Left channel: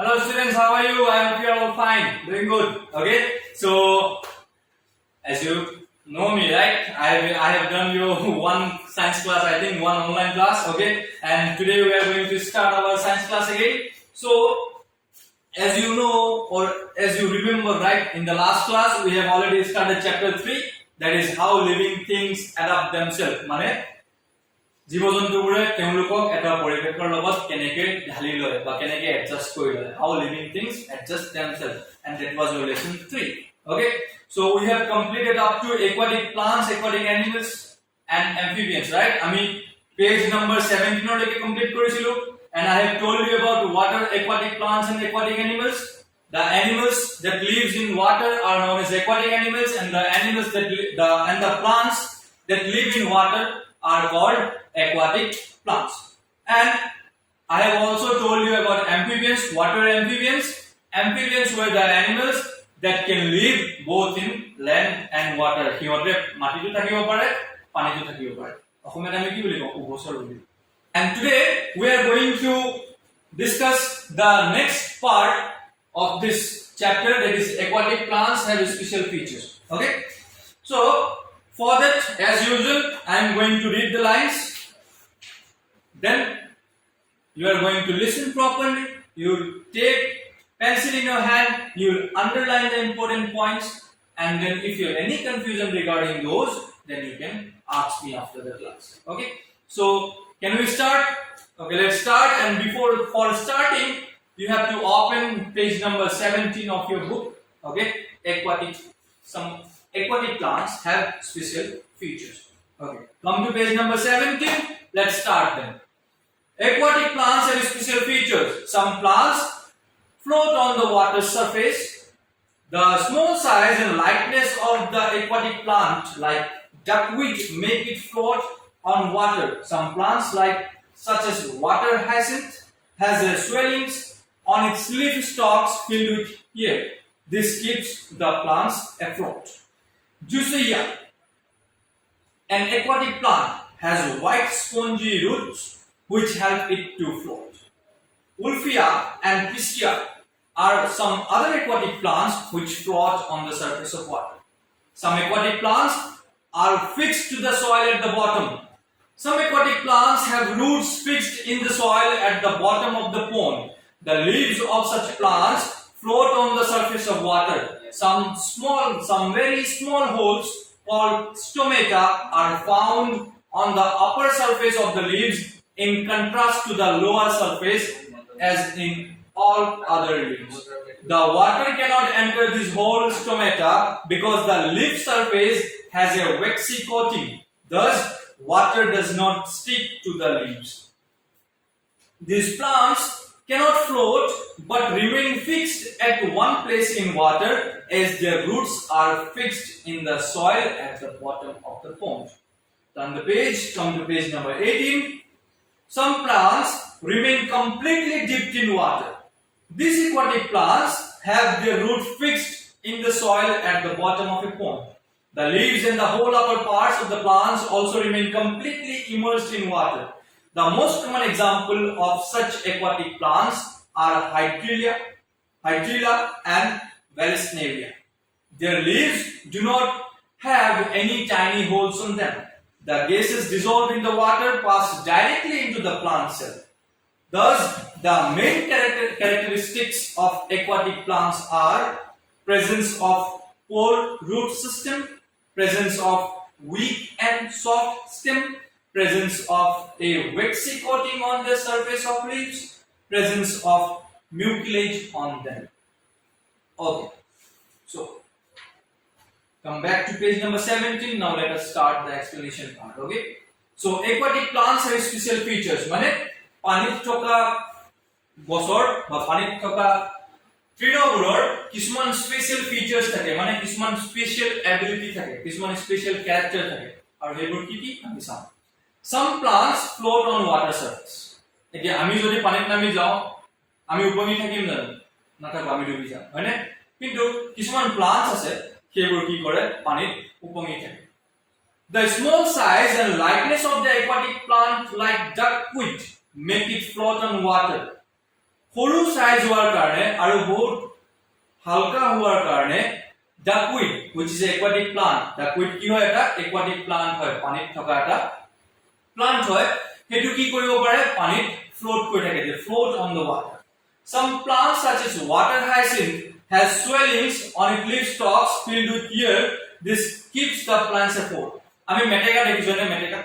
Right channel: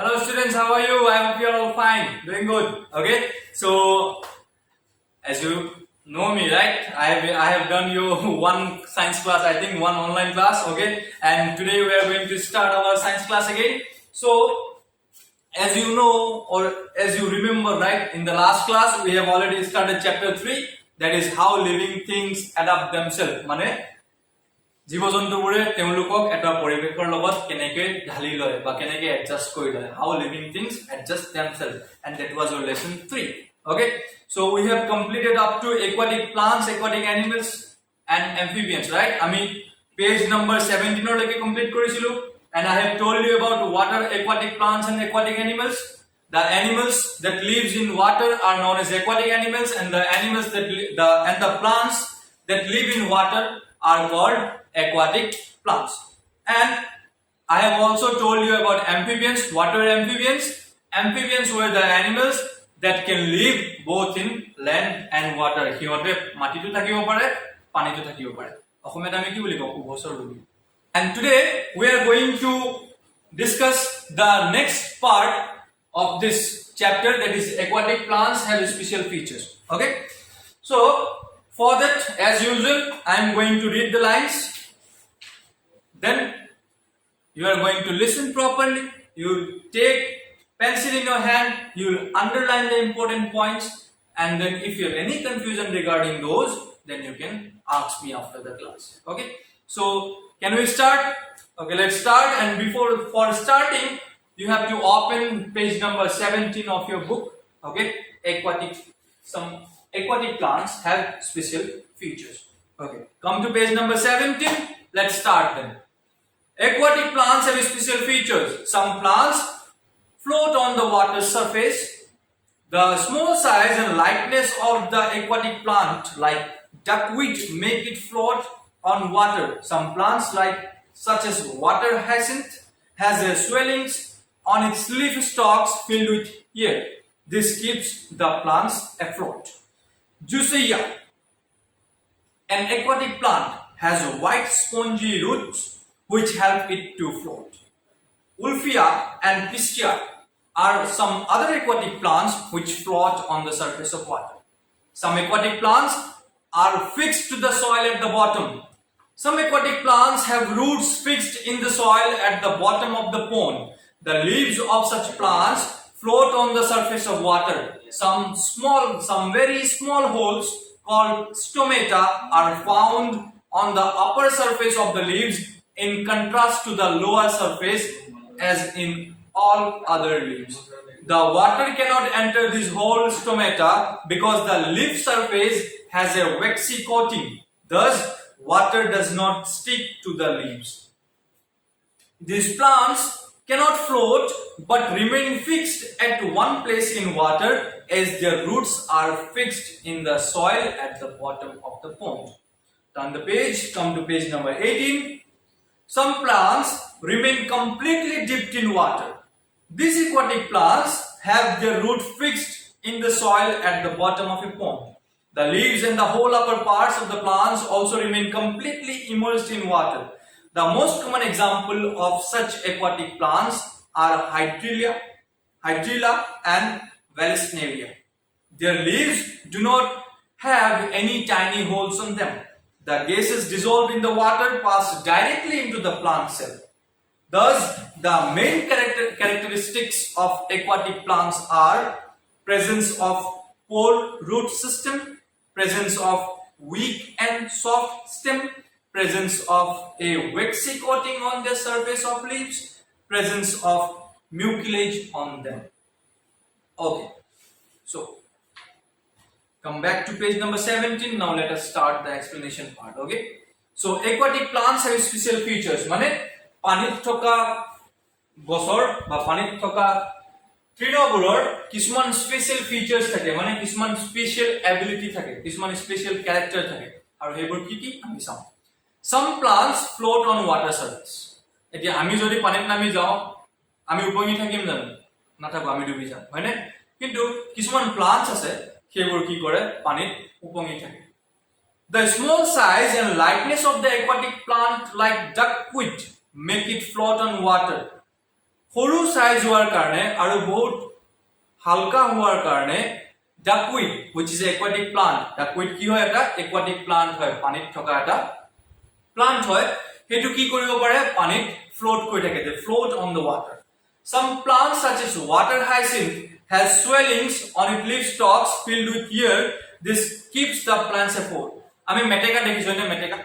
Hello students, how are you? I hope you are all fine, doing good. Okay, so as you know me, right? I have done your one science class, I think one online class. Okay, and today we are going to start our science class again. So as you know or as you remember, right? In the last class we have already started chapter 3, that is how living things adapt themselves. মানে জীৱ-জন্তুবোৰে তেওঁলোকক এটা পৰিৱেশৰ লগত কেনেকৈ ঢালি লয় বা কেনেকৈ adjust কৰি লয়, how living things adjust themselves, and that was your lesson 3. Okay, so we have completed up to aquatic plants, aquatic animals and amphibians, right? আমি page number 17 লৈকে complete কৰিছিলো, and I have told you about what are aquatic plants and aquatic animals. The animals that lives in water are known as aquatic animals, and the animals that the plants that live in water are called aquatic plants. And I have also told you about amphibians. What are amphibians? Amphibians were the animals that can live both in land and water. Hihote matitu thakibo pare, panitu thakibo pare. Asomiyat ami ki boli kau? Ubhosor boli. And today we are going to discuss the next part of this chapter, that is aquatic plants have special features. Okay, so for that, as usual, I am going to read the lines. Then you are going to listen properly. You take pencil in your hand. You will underline the important points. And then if you have any confusion regarding those, then you can ask me after the class. Okay. So can we start? Okay, let's start. And for starting, you have to open page number 17 of your book. Okay. Some aquatic plants have special features. Okay. Come to page number 17. Let's start then. Aquatic plants have special features. Some plants float on the water surface. The small size and lightness of the aquatic plant, like duckweed, make it float on water. Some plants, such as water hyacinth, has their swellings on its leaf stalks filled with air. This keeps the plants afloat. Juicea, an aquatic plant, has white spongy roots which help it to float. Ulfia and Piscia are some other aquatic plants which float on the surface of water. Some aquatic plants are fixed to the soil at the bottom. Some aquatic plants have roots fixed in the soil at the bottom of the pond. The leaves of such plants float on the surface of water. Some very small holes called stomata are found on the upper surface of the leaves, in contrast to the lower surface as in all other leaves. The water cannot enter this whole stomata because the leaf surface has a waxy coating. Thus, water does not stick to the leaves. These plants cannot float but remain fixed at one place in water, as their roots are fixed in the soil at the bottom of the pond. Turn the page, come to page number 18. Some plants remain completely dipped in water. These aquatic plants have their root fixed in the soil at the bottom of a pond. The leaves and the whole upper parts of the plants also remain completely immersed in water. The most common example of such aquatic plants are Hydrilla and Vallisneria. Their leaves do not have any tiny holes on them. The gases dissolved in the water pass directly into the plant cell. Thus, the main characteristics of aquatic plants are presence of pore root system, presence of weak and soft stem, presence of a waxy coating on the surface of leaves, presence of mucilage on them. Okay, so come back to page number 17. Now let us start the explanation part. Okay, so aquatic plants have special features. Mane panit thoka gosor ba panit thoka trinoguror kisman special features thake, mane kisman special ability thake, kisman special character thake. Aru hebor ki ami sam. Some plants float on water surface. Etia ami jodi panit nami jao, ami upongi thakim jano nathako, ami dubi jam, hoine? Kintu kisman plants ase সেইবোৰ কি কৰে, পানীত উপঙি থাকে. The small size and lightness of the aquatic plant, like duckweed, make it float on water. সৰু size হোৱাৰ কাৰণে আৰু বহুত হালকা হোৱাৰ কাৰণে duckweed which is aquatic plant duckweed কি হয় এটা aquatic plant হয় পানীত থকা এটা plant হয় হেতু কি কৰিব পাৰে পানীত float কৰি থাকে they float on the water some plants such as water hyacinth has swellings on its leaf stalks filled with air this keeps the plants afloat আমি মেটেকা দেখিছো নে মেটেকা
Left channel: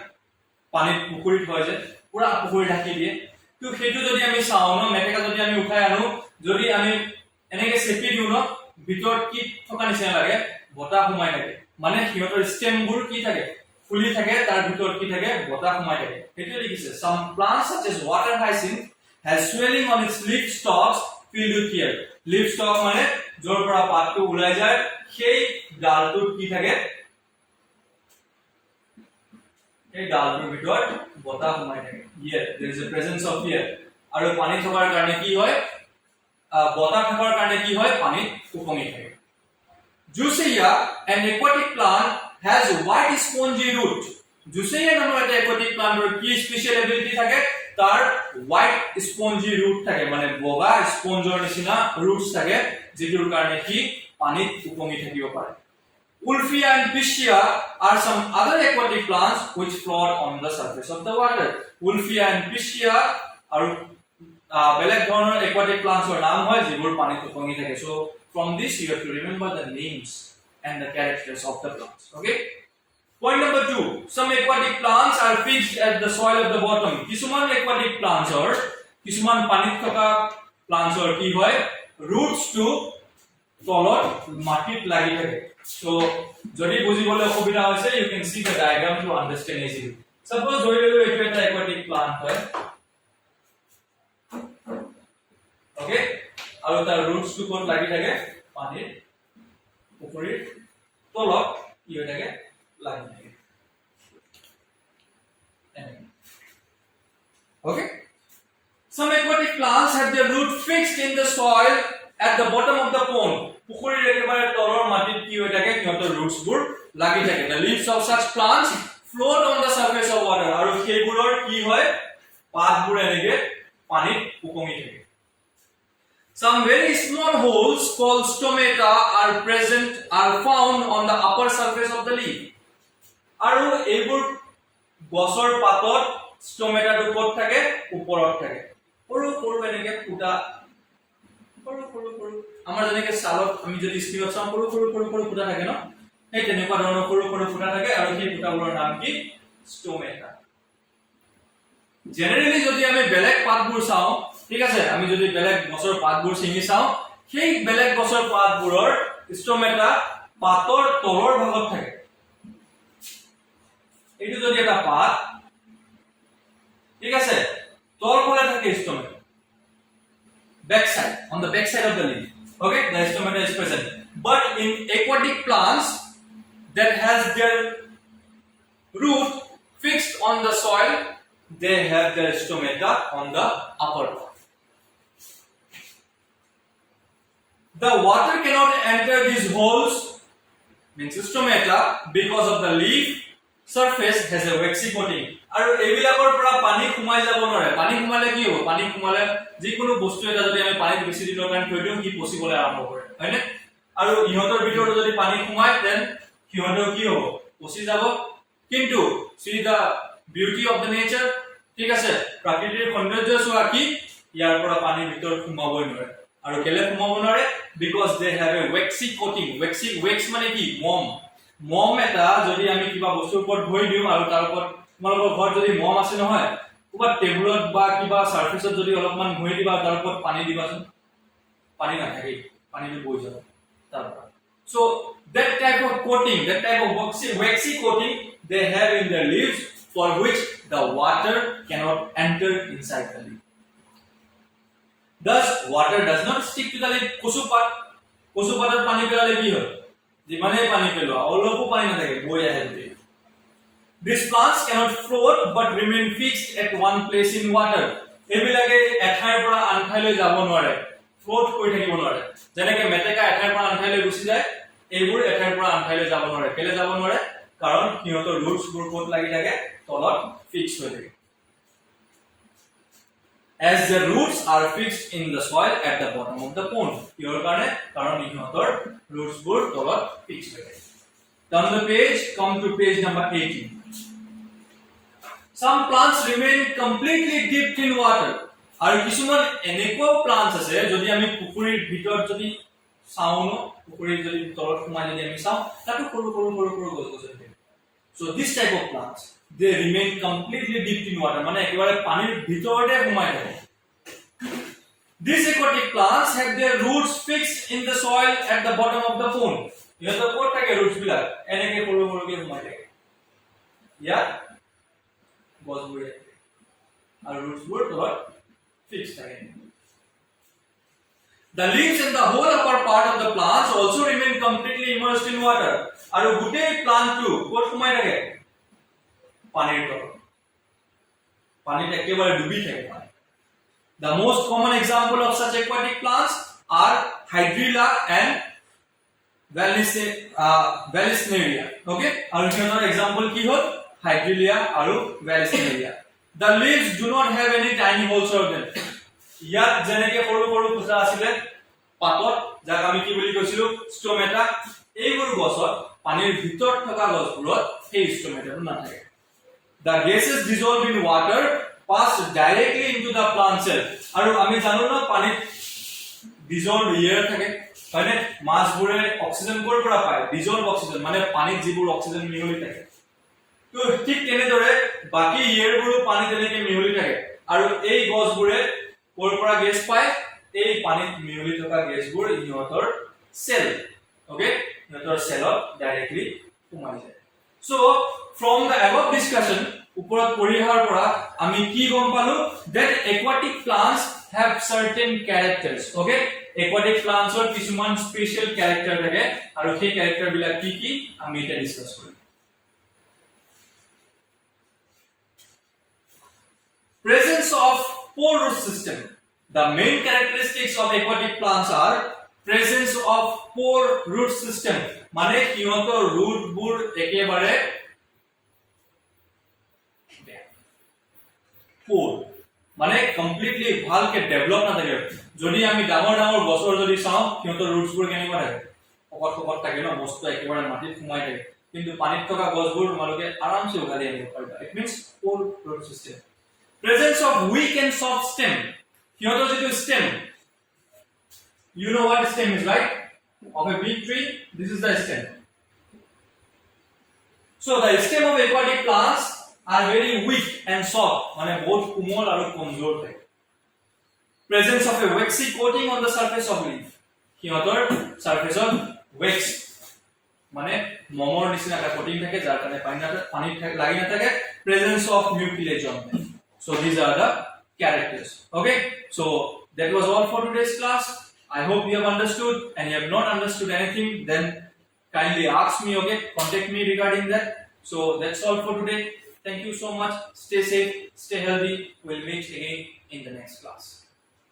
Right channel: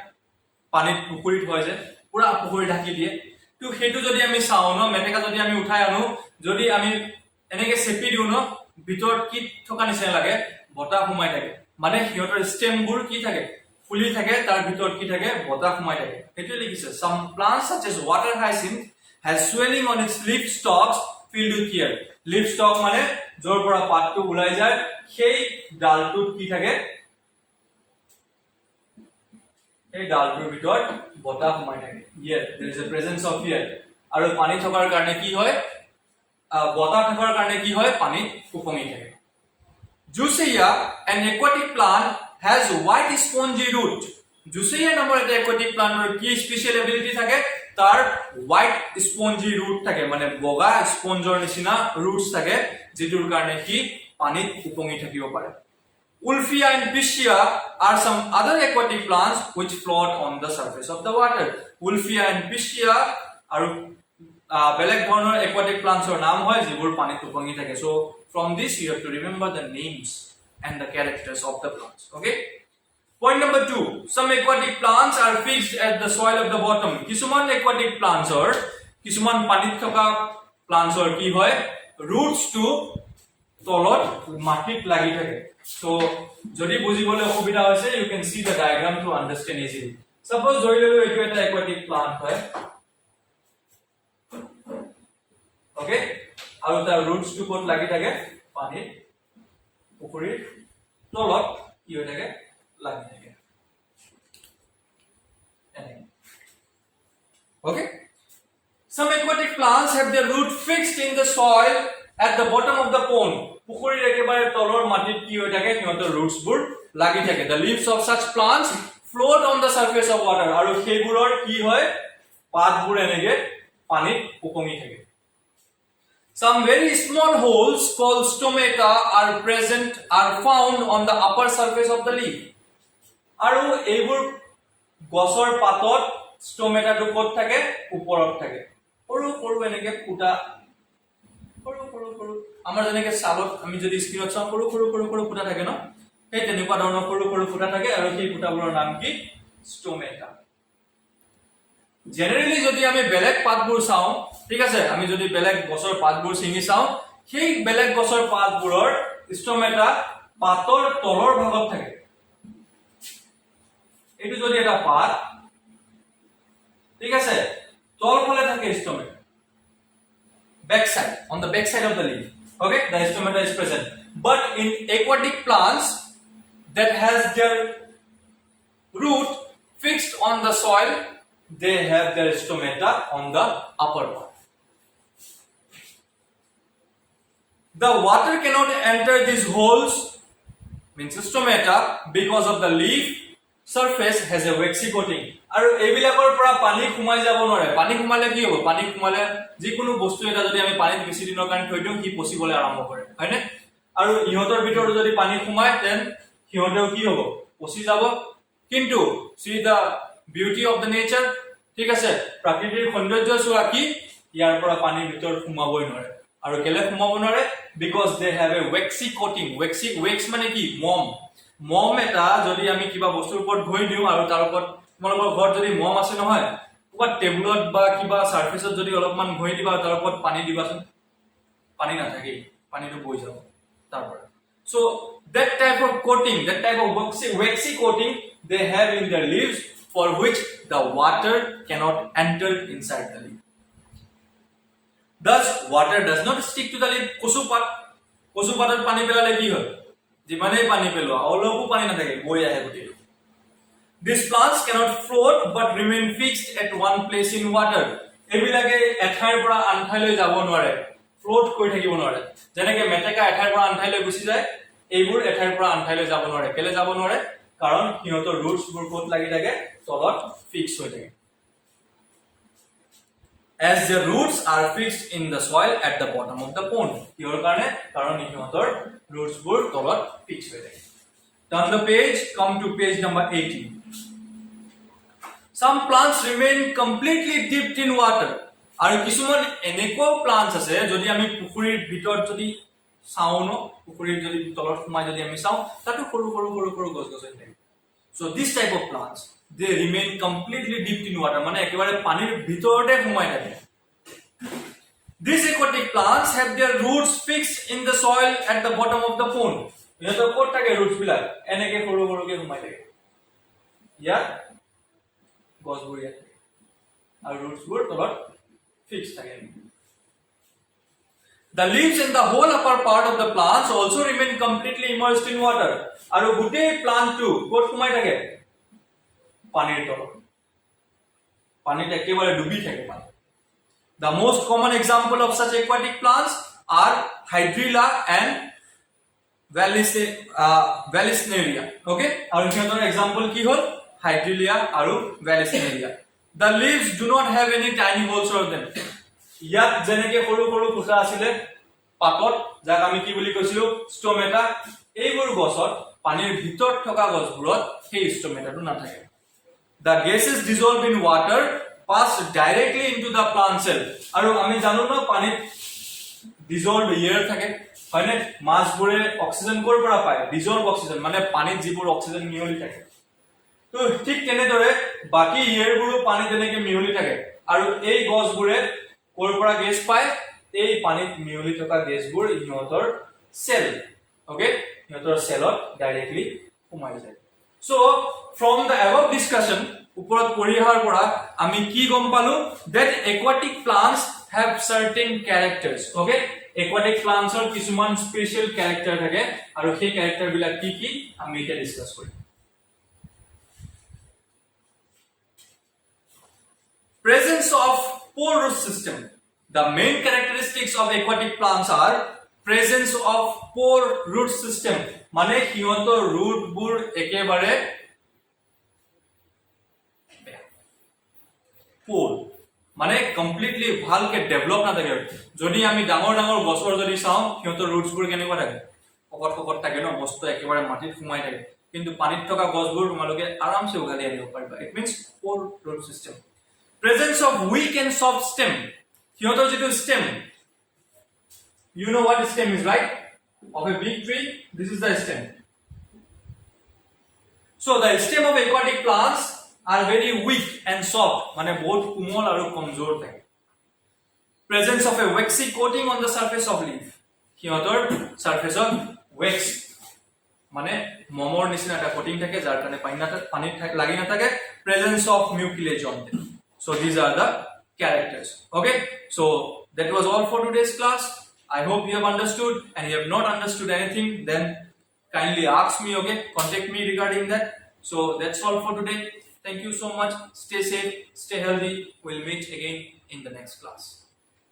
পানীত পুখুৰীত হয় যে পুৰা পুখুৰী ঢাকি দিয়ে তো হেতু যদি আমি চাও ন মেটেকা যদি আমি উঠাই আনো যদি আমি এনেকে চেপি দিও ন ভিতৰত কি থকা নিচিনা লাগে বতাহ সোমাই থাকে মানে হিয়তৰ ষ্টেমবোৰ কি থাকে ফুলি থাকে তাৰ ভিতৰত কি থাকে বতাহ সোমাই থাকে হেতু লিখিছে some plants such as water hyacinth has swelling on its leaf stalks filled with air leaf stalk মানে জৰ পৰা পাতটো ওলাই যায় সেই ডালটো কি থাকে এই ডালটোৰ ভিতৰত বতাহ সোমাই থাকে yes there is a presence of air আৰু পানী থকাৰ কাৰণে কি হয় বতাহ থকাৰ কাৰণে কি হয় পানী উপঙি থাকে Juseia an aquatic plant has white spongy root Juseia নামৰ এটা aquatic planter কি স্পেশাল এবিলিটি থাকে তাৰ white spongy root থাকে মানে বগা স্পঞ্জৰ নিচিনা roots থাকে যিটোৰ কাৰণে কি পানীত উপঙি থাকিব পাৰে Ulfia and Piscia are some other aquatic plants which float on the surface of the water. Ulfia and Piscia are বেলেগ ধৰণৰ aquatic plants or নাম হয় যিবোৰ পানীত উপঙি থাকে. So from this you have to remember the names and the characters of the plants. Okay? Point number 2. Some aquatic plants are fixed at the soil of the bottom. কিছুমান aquatic plants or কিছুমান পানীত থকা plants or কি হয় roots to তলত মাটিত লাগি থাকে so যদি বুজিবলৈ অসুবিধা হৈছে you can see the diagram to understand easily suppose ধৰি ললো এইটো এটা aquatic plant হয় okay আৰু তাৰ roots to ক'ত লাগি থাকে পানীত পুখুৰীৰ তলত কি হৈ থাকে লাগি থাকে okay some aquatic plants have their root fixed in the soil at the bottom of the pond পুখুৰীৰ একেবাৰে তলৰ মাটিত কি হৈ থাকে সিহঁতৰ roots বোৰ লাগি থাকে the leaves of such plants float on the surface of water আৰু সেইবোৰৰ কি হয় পাতবোৰ এনেকে পানীত উপঙি থাকে some very small holes called stomata are found on the upper surface of the leaf আৰু এইবোৰ গছৰ পাতত স্টোমেটাটো ক'ত থাকে ওপৰত থাকে সৰু সৰু এনেকে ফুটা সৰু আমাৰ যেনেকে সালত আমি যদি স্ক্ৰীনত চাওঁ সৰু ফুটা থাকে ন সেই তেনেকুৱা ধৰণৰ সৰু ফুটা থাকে আৰু সেই ফুটাবোৰৰ নাম কি স্টোমেটা জেনাৰেলি যদি আমি বেলেগ পাতবোৰ চাওঁ ঠিক আছে আমি যদি বেলেগ গছৰ পাতবোৰ চিঙি চাওঁ সেই বেলেগ গছৰ পাতবোৰৰ স্টোমেটা পাতৰ তলৰ ভাগত থাকে এইটো যদি এটা পাত ঠিক আছে তলফালে থাকে স্টোমেটা backside on the backside of the leaf okay the stomata is present but in aquatic plants that has their root fixed on the soil they have their stomata on the upper part the water cannot enter these holes means stomata because of the leaf surface has a waxy coating আৰু এইবিলাকৰ পৰা পানী খুমাই যাব নোৱাৰে পানী খুমালে কি হ'ব পানী খুমালে যিকোনো বস্তু এটা যদি আমি পানীত বেছি দিনৰ কাৰণে থৈ দিওঁ কি পচিবলে আৰম্ভ কৰে হয়নে আৰু ইহঁতৰ ভিতৰত যদি পানী খুমায় দেন সিহঁতেও কি হ'ব পচি যাব কিন্তু see the beauty of the nature ঠিক আছে প্ৰাকৃতিক সৌন্দৰ্য চোৱা কি ইয়াৰ পৰা পানী ভিতৰত খুমাবই নোৱাৰে আৰু কেলে খুমাব নোৱাৰে because they have a waxy coating wax মানে কি মম এটা যদি আমি কিবা বস্তুৰ ওপৰত ঘঁহি দিওঁ আৰু তাৰ ওপৰত তোমালোকৰ ঘৰত যদি মম আছে নহয় কিবা টেবুলত বা কিবা সাৰফেসত যদি অলপমান ঘঁহি দিবা তাৰ ওপৰত পানী দিবাচোন পানী নাথাকে পানীটো বৈ যাব তাৰ পৰা so that type of waxy coating they have in their leaves for which the water cannot enter inside the leaf thus water does not stick to the leaf কচুপাতত পানী পেলালে কি হয় যিমানে পানী পেলোৱা অলপো পানী নাথাকে বৈ আহে গোটেই These plants cannot float but remain fixed at one place in water. এবিলাকে এঠাইৰ পৰা আন ঠাইলৈ যাব নোৱাৰে ফ্লোট কৰি থাকিব নোৱাৰে যেনেকৈ মেটেকা এঠাইৰ পৰা আন ঠাইলৈ গুচি যায় এইবোৰ এঠাইৰ পৰা আন ঠাইলৈ যাব নোৱাৰে কেলে যাব নোৱাৰে কাৰণ সিহঁতৰ ৰুটছবোৰ ক'ত লাগি থাকে তলত ফিক্স হৈ থাকে as the roots are fixed in the soil at the bottom of the pond. কিহৰ কাৰণে? কাৰণ ইহঁতৰ roots বোৰ তলত fix হৈ থাকে. Turn the page, come to page number 18. Some plants remain completely dipped in water. আৰু কিছুমান এনেকুৱা plants আছে যদি আমি পুখুৰীৰ ভিতৰত যদি চাও ন, পুখুৰীৰ যদি তলত সোমাই যদি আমি চাও, তাতো সৰু সৰু সৰু সৰু গছ গছ থাকে. So this type of plants, they remain completely dipped in water, মানে একেবাৰে পানীৰ ভিতৰতে সোমাই থাকে. These aquatic plants have their roots fixed in the soil at the bottom of the pond. ইহঁতৰ ক'ত থাকে roots বিলাক? এনেকে সৰু সৰুকে সোমাই থাকে. ইয়াত গছবোৰ ইয়াত থাকে আৰু roots বোৰ তলত fixed থাকে. The leaves and the whole upper part of the plants also remain completely immersed in water. আৰু গোটেই plant টো ক'ত সোমাই থাকে? পানীৰ তলত. পানীত একেবাৰে ডুবি থাকে পানী. The most common example of such aquatic plants are Hydrilla and Vallisneria. Okay? আৰু সিহঁতৰ example কি হ'ল? Hydrilla আৰু Vallisneria. The leaves do not have any tiny holes or them. ইয়াত যেনেকে সৰু সৰু কোছা আছিল পাতত যাক আমি কি বুলি কৈছিলো স্টোমেটা, এইবোৰ গছত পানীৰ ভিতৰত থকা গছবোৰত সেই স্টোমেটাটো নাথাকে. The gases dissolved in water pass directly into the plant cell. আৰু আমি জানো ন পানীত dissolved air থাকে, হয়নে? মাছবোৰে অক্সিজেন ক'ৰ পৰা পায়? dissolved oxygen, মানে পানীত যিবোৰ অক্সিজেন মিহলি থাকে. তো ঠিক তেনেদৰে বাকি এয়াৰবোৰো পানীত তেনেকে মিহলি থাকে আৰু এই গছবোৰে ক'ৰ পৰা গেছ পায়? এই পানীত মিহলি থকা গেছবোৰ ইহঁতৰ সেল, ওকে, ইহঁতৰ সেলত ডাইৰেক্টলি সোমাই যায়. So from the above discussion, ওপৰত পঢ়ি অহাৰ পৰা আমি কি গম পালো? That aquatic plants have certain characters. Okay, aquatic plants ৰ কিছুমান স্পেশাল ক্যাৰেক্টাৰ থাকে আৰু সেই ক্যাৰেক্টাৰ বিলাক কি কি আমি এতিয়া discuss Karim. Presence of pore root system. The main characteristics of aquatic plants are presence of pore root system. মানে সিহঁতৰ root বোৰ একেবাৰে pore, মানে কমপ্লিটলি ভালকে ডেভেলপ না থাকে. যদি আমি ডাঙৰ ডাঙৰ গছৰ যদি চাও সিহঁতৰ roots বোৰ কেনেকুৱা থাকে? পকট পকট থাকে ন, মস্ত একেবাৰে মাটিত সোমাই থাকে. কিন্তু পানীত থকা গছবোৰ তোমালোকে আৰামসে উঘালি আনিব পাৰিবা. It means pore root system. Presence of weak and soft stem. সিহঁতৰ যিটো stem, you know what stem is, right? Of a big tree, this is the stem. So the stem of aquatic plants are very weak and soft, মানে বহুত কোমল আৰু কমজোৰ থাকে. Presence of a waxy coating on the surface of leaf. সিহঁতৰ surface of wax, মানে মমৰ নিচিনা এটা coating থাকে যাৰ কাৰণে পানী লাগি না থাকে. Presence of mucilage on them. So these are the characters. Okay, so that was all for today's class. I hope you have understood, and you have not understood anything, then kindly ask me. Okay, contact me regarding that. So that's all for today. Thank you so much. Stay safe, stay healthy. We'll meet again in the next class.